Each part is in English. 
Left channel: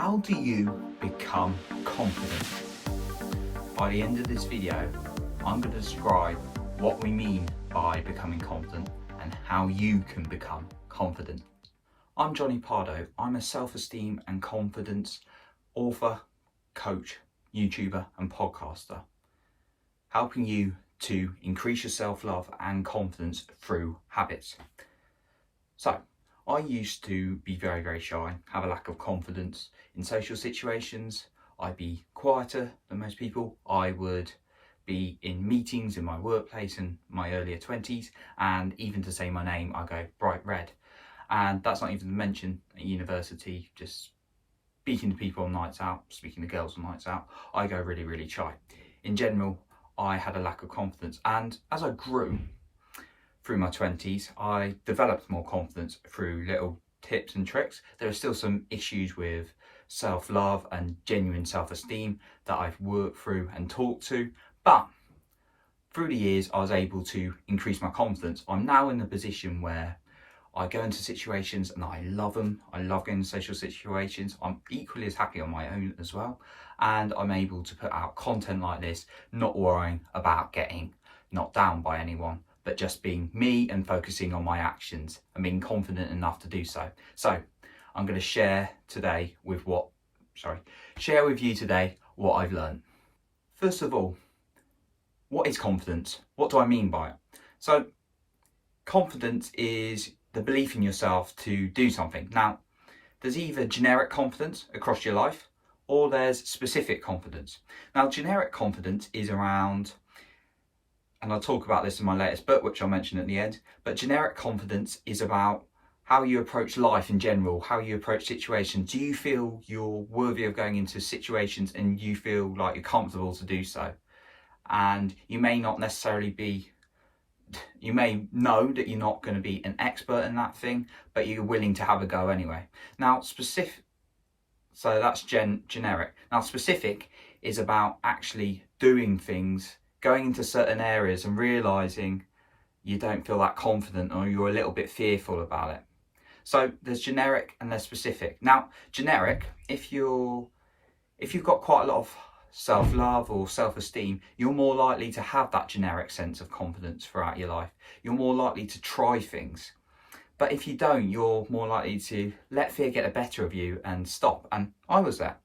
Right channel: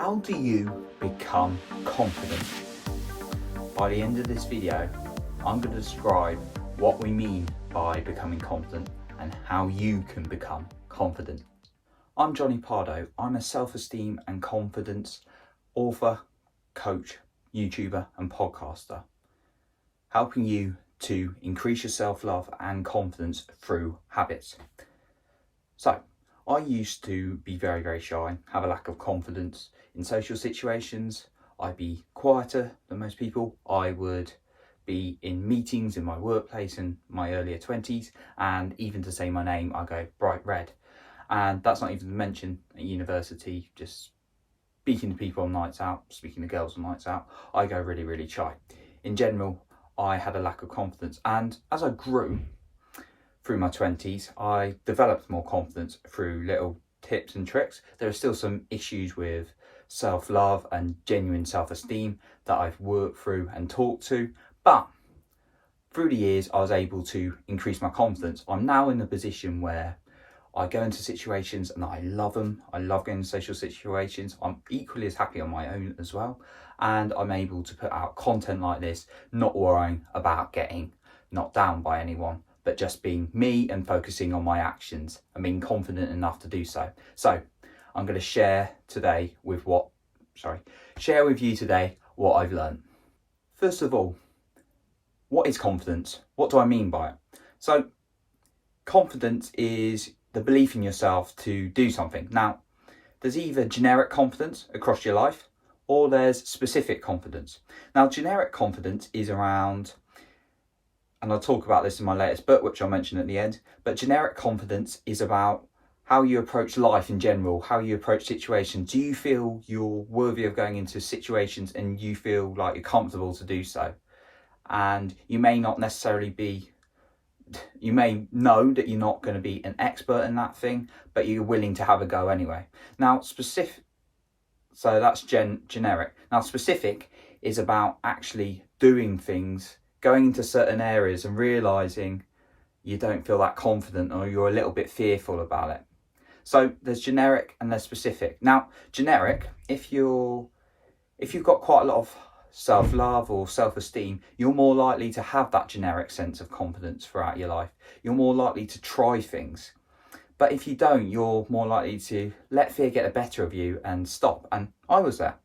How do you become confident? By the end of this video, I'm going to describe what we mean by becoming confident and how you can become confident. I'm Johnny Pardo. I'm a self-esteem and confidence author, coach, YouTuber and podcaster, helping you to increase your self-love and confidence through habits. So, I used to be very shy, have a lack of confidence in social situations. I'd be quieter than most people. I would be in meetings in my workplace in my earlier 20s, and even to say my name, I go bright red. And that's not even to mention at university, just speaking to people on nights out, speaking to girls on nights out, I go really shy. In general, I had a lack of confidence, and as I grew through my 20s, I developed more confidence through little tips and tricks. There are still some issues with self-love and genuine self-esteem that I've worked through and talked to, but through the years I was able to increase my confidence. I'm now in the position where I go into situations and I love them. I love going into social situations. I'm equally as happy on my own as well, and I'm able to put out content like this, not worrying about getting knocked down by anyone, but just being me and focusing on my actions and being confident enough to do so. So I'm going to share with you today what I've learned. First of all, what is confidence? What do I mean by it? So confidence is the belief in yourself to do something. Now, there's either generic confidence across your life or there's specific confidence. Now, generic confidence is around, and I'll talk about this in my latest book, which I'll mention at the end, but generic confidence is about how you approach life in general, how you approach situations. Do you feel you're worthy of going into situations and you feel like you're comfortable to do so? And you may not necessarily be, you may know that you're not going to be an expert in that thing, but you're willing to have a go anyway. Now, specific, so that's generic. Now, specific is about actually doing things, going into certain areas and realizing you don't feel that confident or you're a little bit fearful about it. So there's generic and there's specific. Now, generic, if you've got quite a lot of self-love or self-esteem, you're more likely to have that generic sense of confidence throughout your life. You're more likely to try things. But if you don't, you're more likely to let fear get the better of you and stop. And I was there.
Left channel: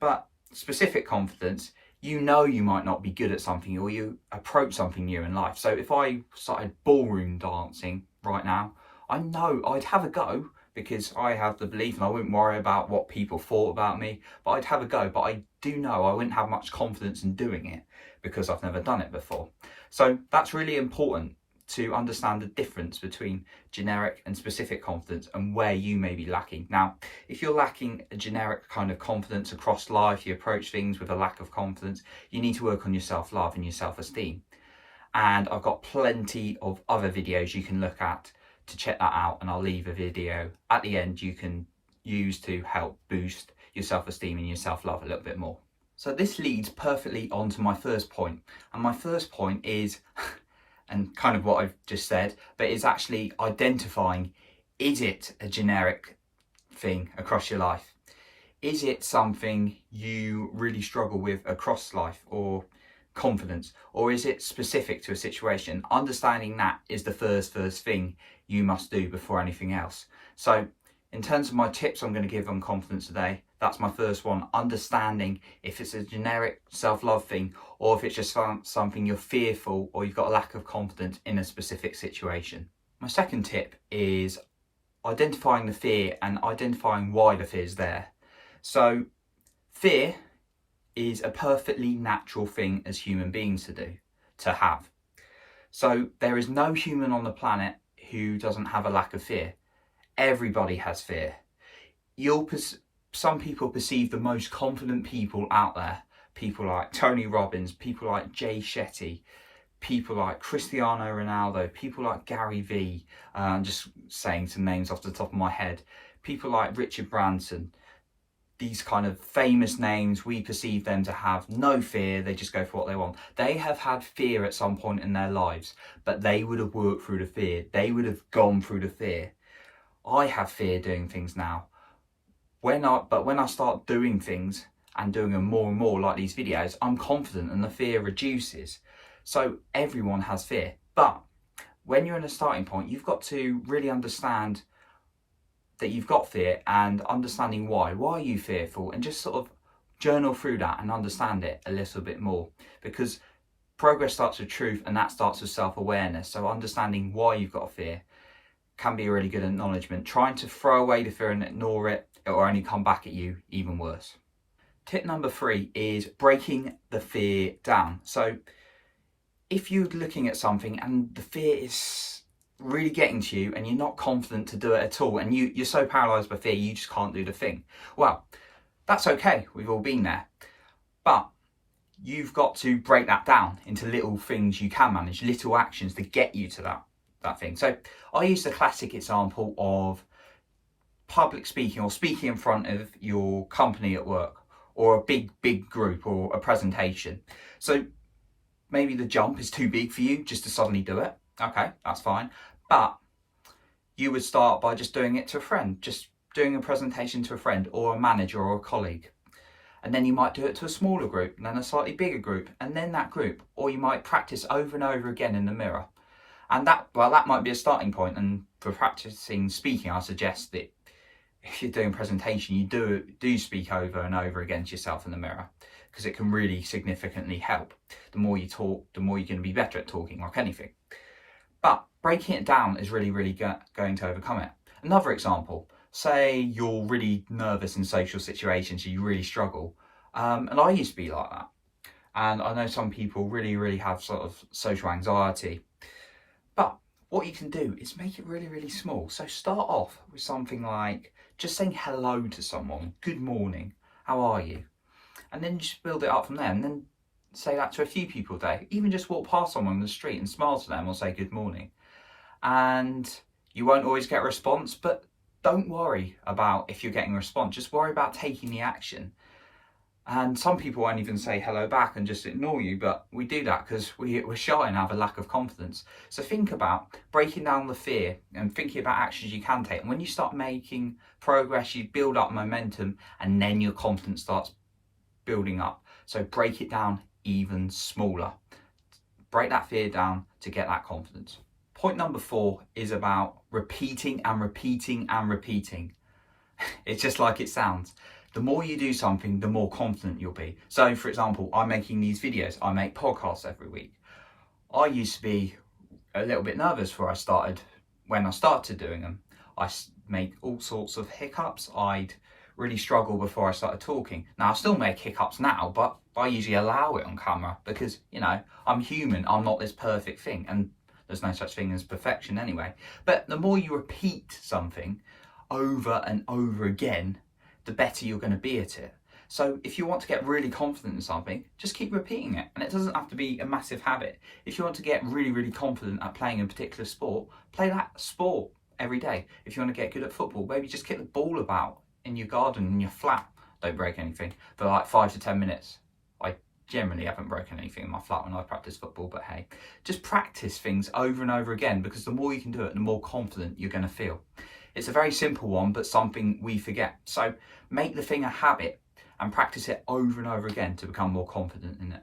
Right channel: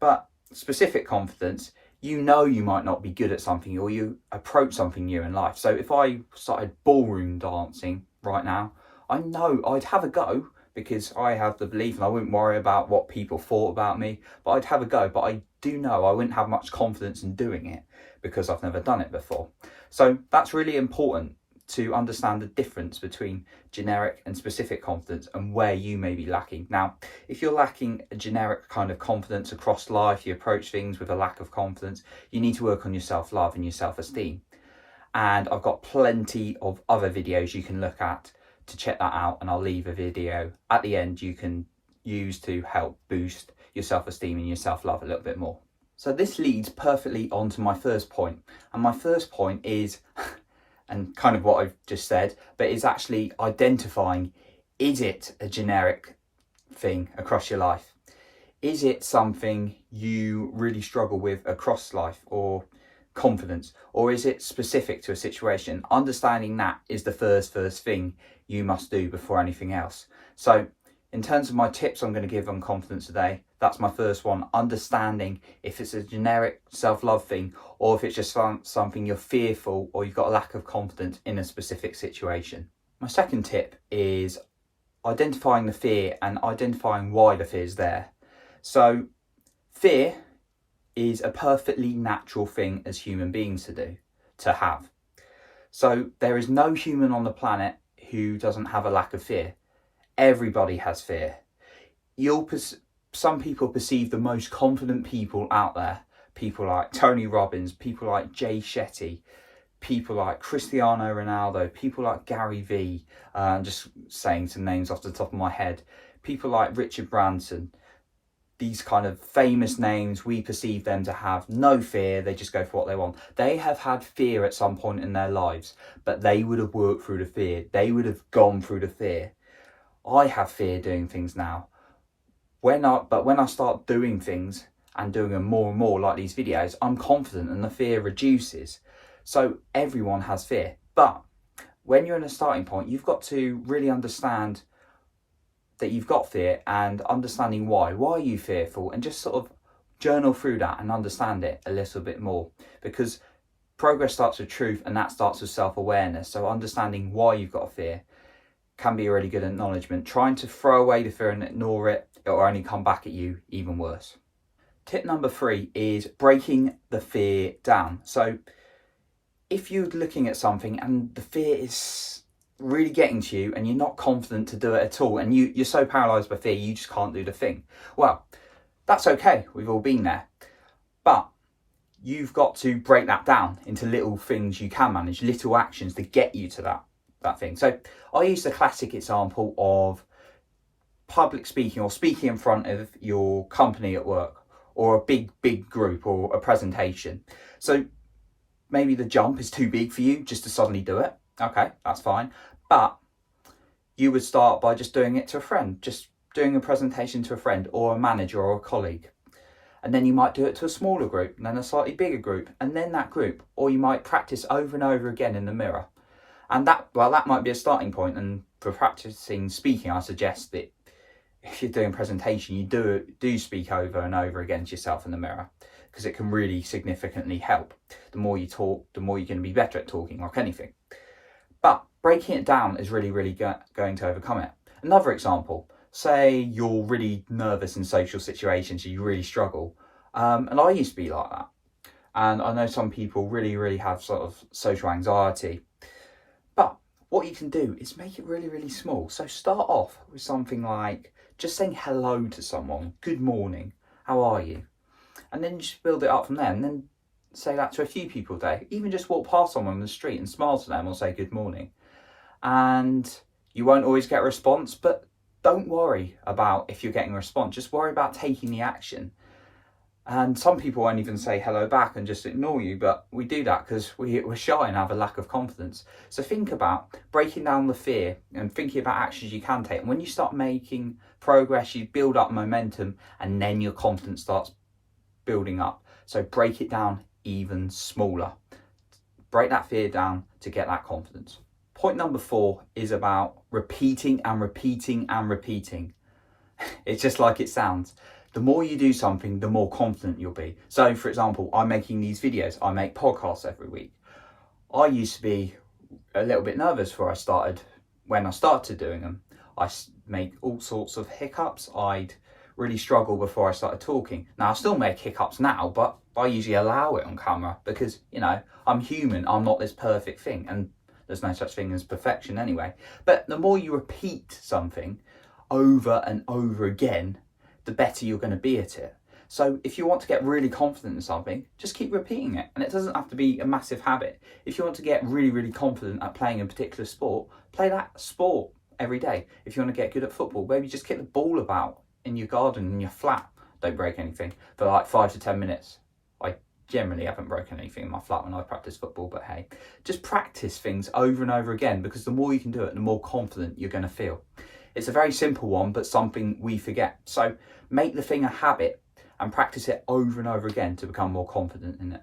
But specific confidence, you know you might not be good at something or you approach something new in life. So if I started ballroom dancing right now, I know I'd have a go because I have the belief and I wouldn't worry about what people thought about me, but I'd have a go. But I do know I wouldn't have much confidence in doing it because I've never done it before. So that's really important to understand the difference between generic and specific confidence and where you may be lacking. Now, if you're lacking a generic kind of confidence across life, you approach things with a lack of confidence, you need to work on your self-love and your self-esteem. And I've got plenty of other videos you can look at to check that out, and I'll leave a video at the end you can use to help boost your self-esteem and your self-love a little bit more. So this leads perfectly on to my first point, and my first point is and kind of what I've just said, but it's actually identifying, is it a generic thing across your life? Is it something you really struggle with across life or confidence, or is it specific to a situation? Understanding that is the first thing you must do before anything else. So in terms of my tips I'm going to give on confidence today, that's my first one, understanding if it's a generic self-love thing or if it's just something you're fearful or you've got a lack of confidence in a specific situation. My second tip is identifying the fear and identifying why the fear is there. So fear is a perfectly natural thing as human beings to have. So there is no human on the planet who doesn't have a lack of fear. Everybody has fear. Some people perceive the most confident people out there, people like Tony Robbins, people like Jay Shetty, people like Cristiano Ronaldo, people like Gary Vee, just saying some names off the top of my head, people like Richard Branson. These kind of famous names, we perceive them to have no fear, they just go for what they want. They have had fear at some point in their lives, but they would have worked through the fear. They would have gone through the fear. I have fear doing things now, When I start doing things and doing them more and more, like these videos, I'm confident and the fear reduces. So everyone has fear, but when you're in a starting point, you've got to really understand that you've got fear and understanding why. Why are you fearful? And just sort of journal through that and understand it a little bit more, because progress starts with truth, and that starts with self-awareness. So understanding why you've got a fear can be a really good acknowledgement. Trying to throw away the fear and ignore it, it will only come back at you even worse. Tip number 3 is breaking the fear down. So if you're looking at something and the fear is really getting to you and you're not confident to do it at all, and you're so paralysed by fear you just can't do the thing, well, that's okay, we've all been there. But you've got to break that down into little things you can manage, little actions to get you to that thing. So I use the classic example of public speaking, or speaking in front of your company at work, or a big group, or a presentation. So maybe the jump is too big for you just to suddenly do it. Okay, that's fine. But you would start by just doing it to a friend, just doing a presentation to a friend or a manager or a colleague. And then you might do it to a smaller group, and then a slightly bigger group, and then that group. Or you might practice over and over again in the mirror. And that might be a starting point. And for practicing speaking, I suggest that if you're doing a presentation, you do speak over and over again to yourself in the mirror, because it can really significantly help. The more you talk, the more you're going to be better at talking, like anything. But breaking it down is really going to overcome it. Another example, say you're really nervous in social situations, you really struggle. And I used to be like that. And I know some people really have sort of social anxiety. But what you can do is make it really small. So start off with something like just saying hello to someone. Good morning. How are you? And then just build it up from there. And then say that to a few people a day. Even just walk past someone on the street and smile to them or say good morning. And you won't always get a response, but don't worry about if you're getting a response. Just worry about taking the action. And some people won't even say hello back and just ignore you, but we do that because we're shy and have a lack of confidence. So think about breaking down the fear and thinking about actions you can take. And when you start making progress, you build up momentum, and then your confidence starts building up. So break it down even smaller. Break that fear down to get that confidence. Point number 4 is about repeating and repeating and repeating. It's just like it sounds. The more you do something, the more confident you'll be. So, for example, I'm making these videos. I make podcasts every week. I used to be a little bit nervous when I started doing them. I made all sorts of hiccups. I'd really struggle before I started talking. Now, I still make hiccups now, but I usually allow it on camera because, I'm human. I'm not this perfect thing. And there's no such thing as perfection anyway. But the more you repeat something over and over again, the better you're going to be at it. So if you want to get really confident in something, just keep repeating it. And it doesn't have to be a massive habit. If you want to get really confident at playing a particular sport, play that sport every day. If you want to get good at football, maybe just kick the ball about in your garden, in your flat. Don't break anything for like 5 to 10 minutes. I generally haven't broken anything in my flat when I practice football, but hey, just practice things over and over again, because the more you can do it, the more confident you're going to feel. It's a very simple one, but something we forget. So make the thing a habit and practice it over and over again to become more confident in it.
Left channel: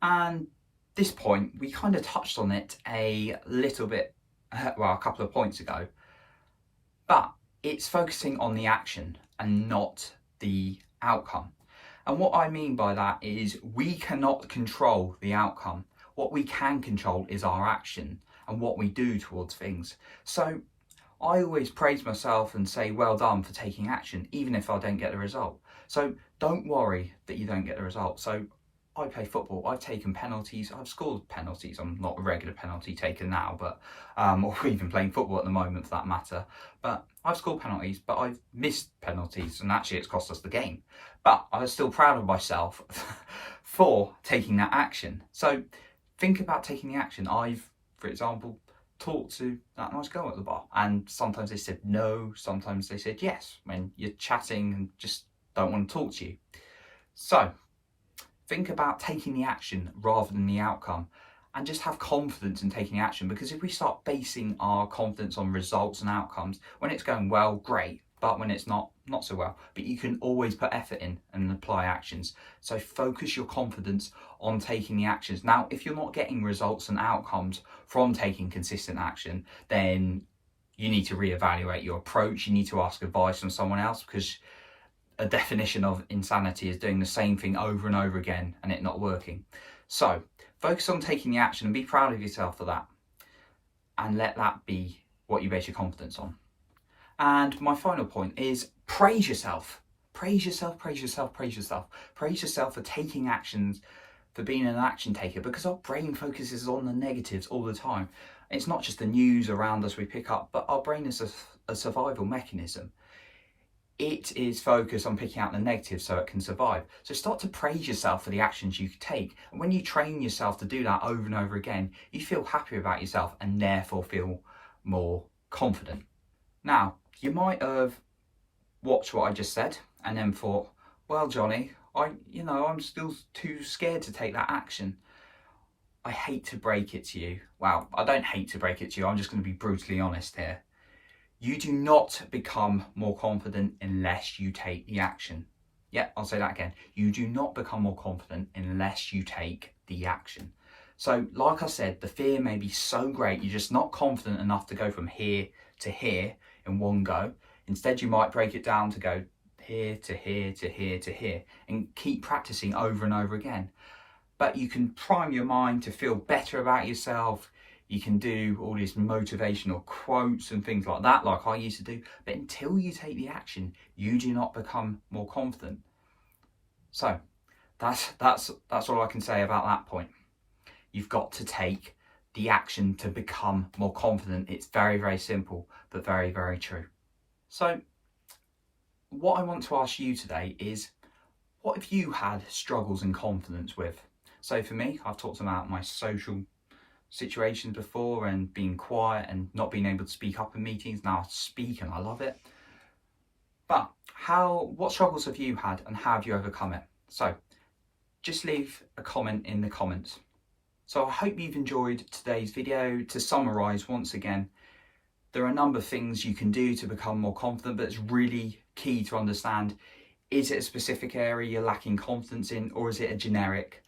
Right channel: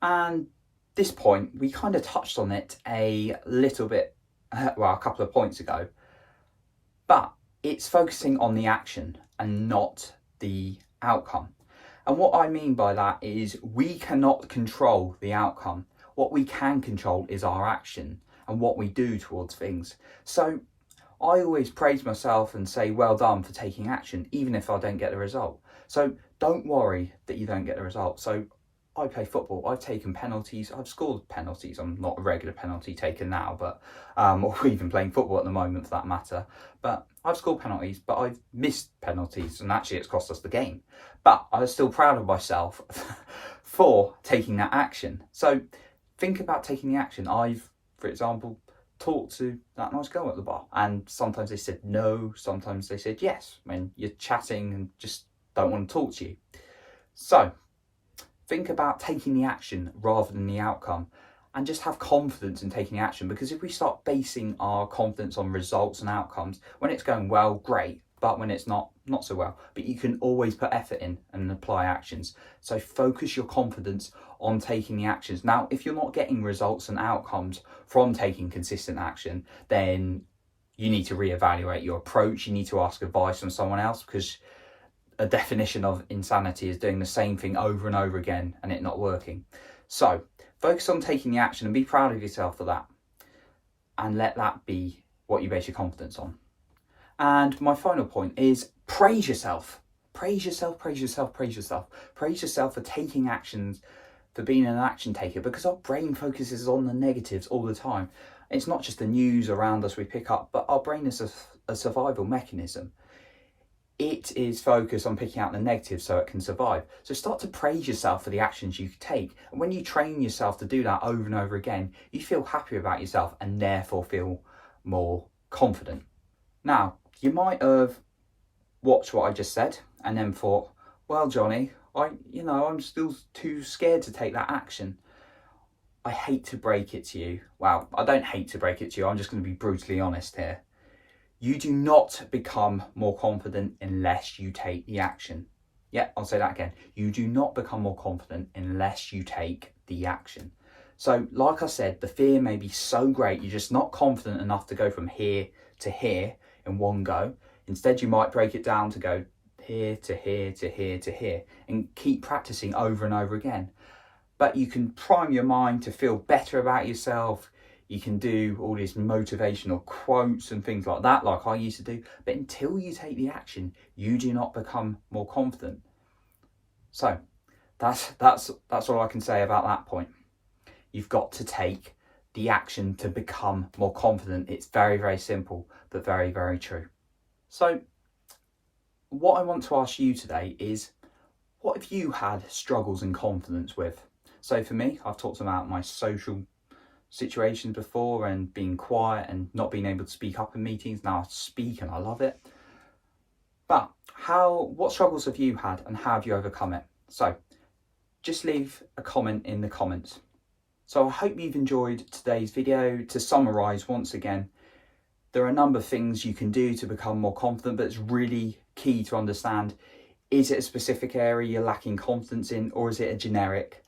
And this point, we kind of touched on it a little bit, a couple of points ago, but it's focusing on the action and not the outcome. And what I mean by that is we cannot control the outcome. What we can control is our action and what we do towards things. So I always praise myself and say, well done for taking action, even if I don't get the result. So don't worry that you don't get the result. So I play football. I've taken penalties. I've scored penalties. I'm not a regular penalty taker now, but or even playing football at the moment for that matter. But I've scored penalties, but I've missed penalties, and actually it's cost us the game. But I was still proud of myself for taking that action. So think about taking the action. I've, for example, talked to that nice girl at the bar, and sometimes they said no, sometimes they said yes when you're chatting and just don't want to talk to you. So think about taking the action rather than the outcome, and just have confidence in taking action, because if we start basing our confidence on results and outcomes, when it's going well, great, but when it's not so well. But you can always put effort in and apply actions. So focus your confidence on taking the actions. Now, if you're not getting results and outcomes from taking consistent action, then you need to reevaluate your approach. You need to ask advice from someone else, because a definition of insanity is doing the same thing over and over again and it not working. So focus on taking the action and be proud of yourself for that. And let that be what you base your confidence on. And my final point is praise yourself. Praise yourself, praise yourself, praise yourself. Praise yourself for taking actions, for being an action taker, because our brain focuses on the negatives all the time. It's not just the news around us we pick up, but our brain is a survival mechanism. It is focused on picking out the negatives so it can survive. So start to praise yourself for the actions you take. And when you train yourself to do that over and over again, you feel happier about yourself and therefore feel more confident. Now, you might have watched what I just said and then thought, well, Johnny, I'm still too scared to take that action. I hate to break it to you. Well, I don't hate to break it to you. I'm just going to be brutally honest here. You do not become more confident unless you take the action. Yeah, I'll say that again. You do not become more confident unless you take the action. So like I said, the fear may be so great, you're just not confident enough to go from here to here in one go. Instead, you might break it down to go here to here to here to here and keep practicing over and over again. But you can prime your mind to feel better about yourself. You can do all these motivational quotes and things like that, like I used to do. But until you take the action, you do not become more confident. So that's all I can say about that point. You've got to take the action to become more confident. It's very, very simple, but very, very true. So what I want to ask you today is, what have you had struggles in confidence with? So for me, I've talked about my social situations before and being quiet and not being able to speak up in meetings. Now I speak and I love it. But what struggles have you had and how have you overcome it? So just leave a comment in the comments. So I hope you've enjoyed today's video. To summarize once again, there are a number of things you can do to become more confident, but it's really key to understand, is it a specific area you're lacking confidence in, or is it a generic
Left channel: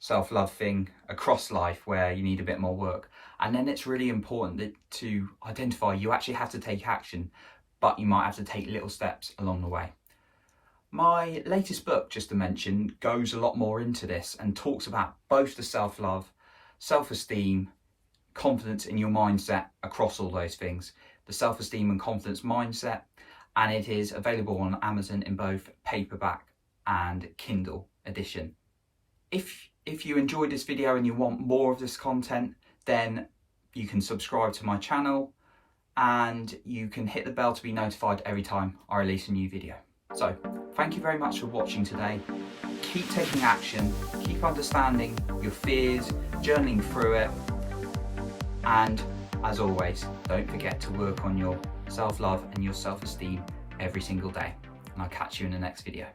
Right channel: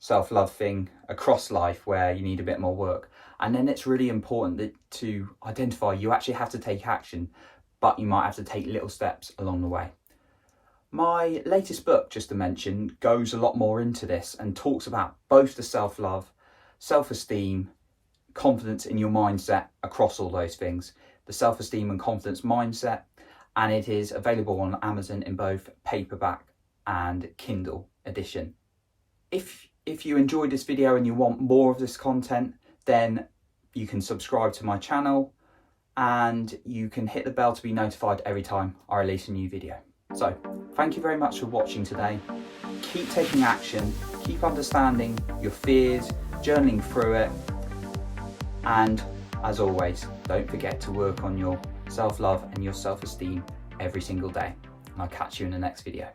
self-love thing across life where you need a bit more work? And then it's really important to identify you actually have to take action, but you might have to take little steps along the way. My latest book, just to mention, goes a lot more into this and talks about both the self-love, self-esteem, confidence in your mindset across all those things. The self-esteem and confidence mindset, and it is available on Amazon in both paperback and Kindle edition. If you enjoyed this video and you want more of this content, then you can subscribe to my channel and you can hit the bell to be notified every time I release a new video. So thank you very much for watching today. Keep taking action, keep understanding your fears, journaling through it, and as always, don't forget to work on your self-love and your self-esteem every single day. And I'll catch you in the next video.